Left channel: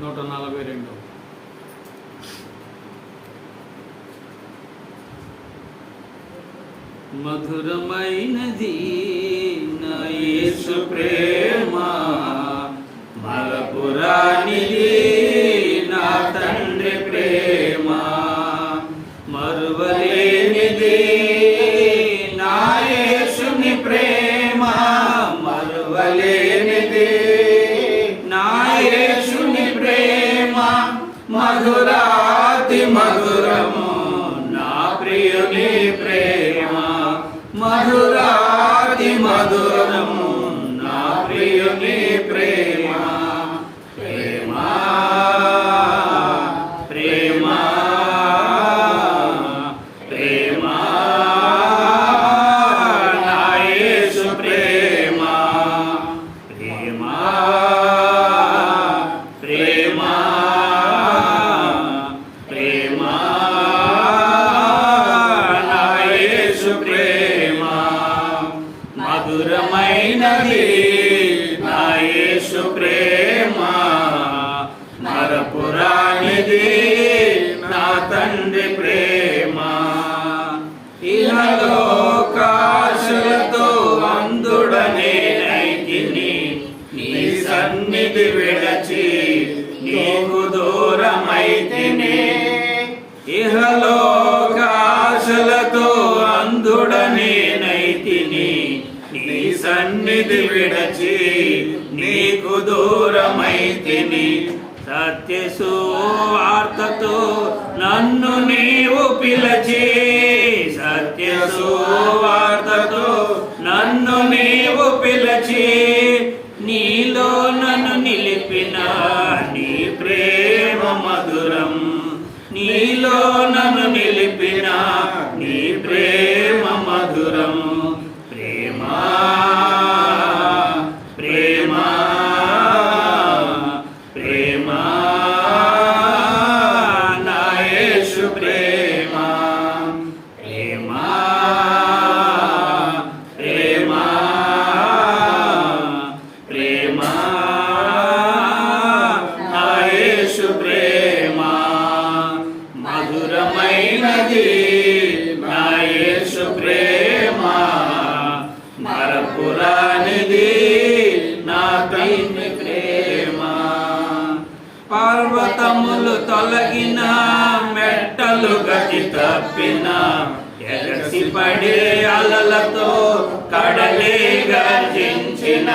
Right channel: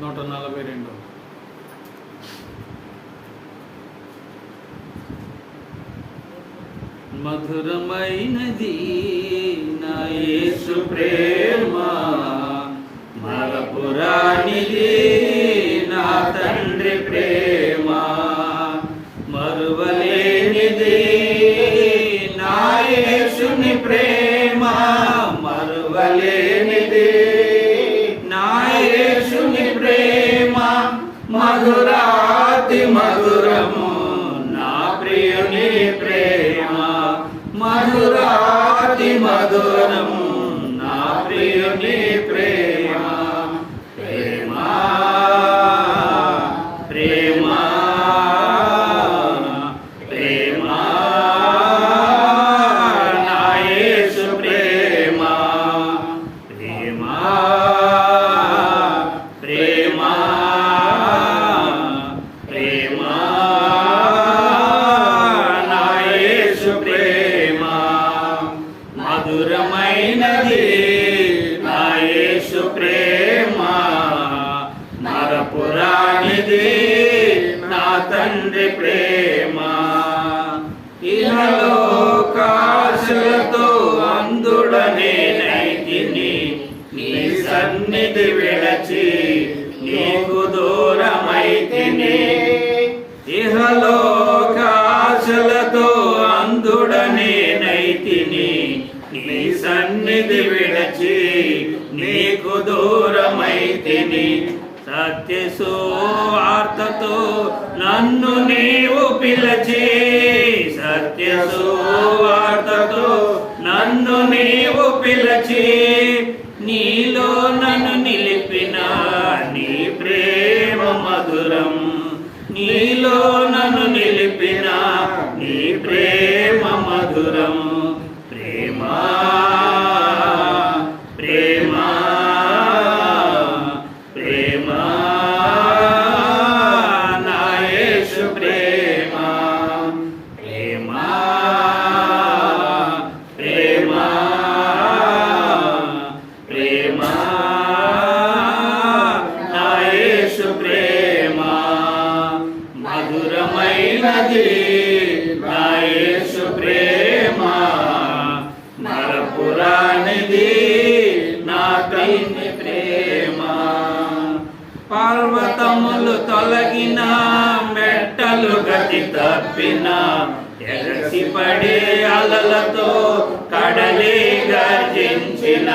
142. మధురమైనది నా యేసు ప్రేమ, మరపురానిది నా తండ్రి ప్రేమ, మరువలేనిది నా యేసుని ప్రేమ, మరువలేనిది నా యేసుని ప్రేమ, మధురాతి మధురము నా ప్రియుని ప్రేమ, మధురాతి మధురము నా ప్రియుని ప్రేమ, ప్రేమ ప్రేమ ప్రేమ నా యేసు ప్రేమ, ప్రేమ ప్రేమ ప్రేమ నా యేసు ప్రేమ, మధురమైనది నా యేసు ప్రేమ, మరపురానిది నా తండ్రి ప్రేమ, ఇహలోకాశలతో అందుడనేనైతిని, నీ సన్నిధి విడచి నీకు దూరమైతిని, ఇహలోకాశలతో అందుడనేనైతిని, నీ సన్నిధి విడచి నీకు దూరమైతిని, సత్య సువార్తతో నన్ను నీవు పిలచి, సత్య సువార్తతో నన్ను నీవు పిలచి, నీలో నన్ను నిలిపిన నీ ప్రేమ మధురం, నీలో నన్ను నిలిపిన నీ ప్రేమ మధురం, ప్రేమ ప్రేమ ప్రేమ నా యేసు ప్రేమ, ప్రేమ ప్రేమ ప్రేమ నా యేసు ప్రేమ, మధురమైనది నా యేసు ప్రేమ, మరపురానిది నా తండ్రి ప్రేమ, పర్వతములు తొలగిన మెట్టలు గతి తప్పిన, ఎగసి పడే అలలతో కడలే గర్జించిన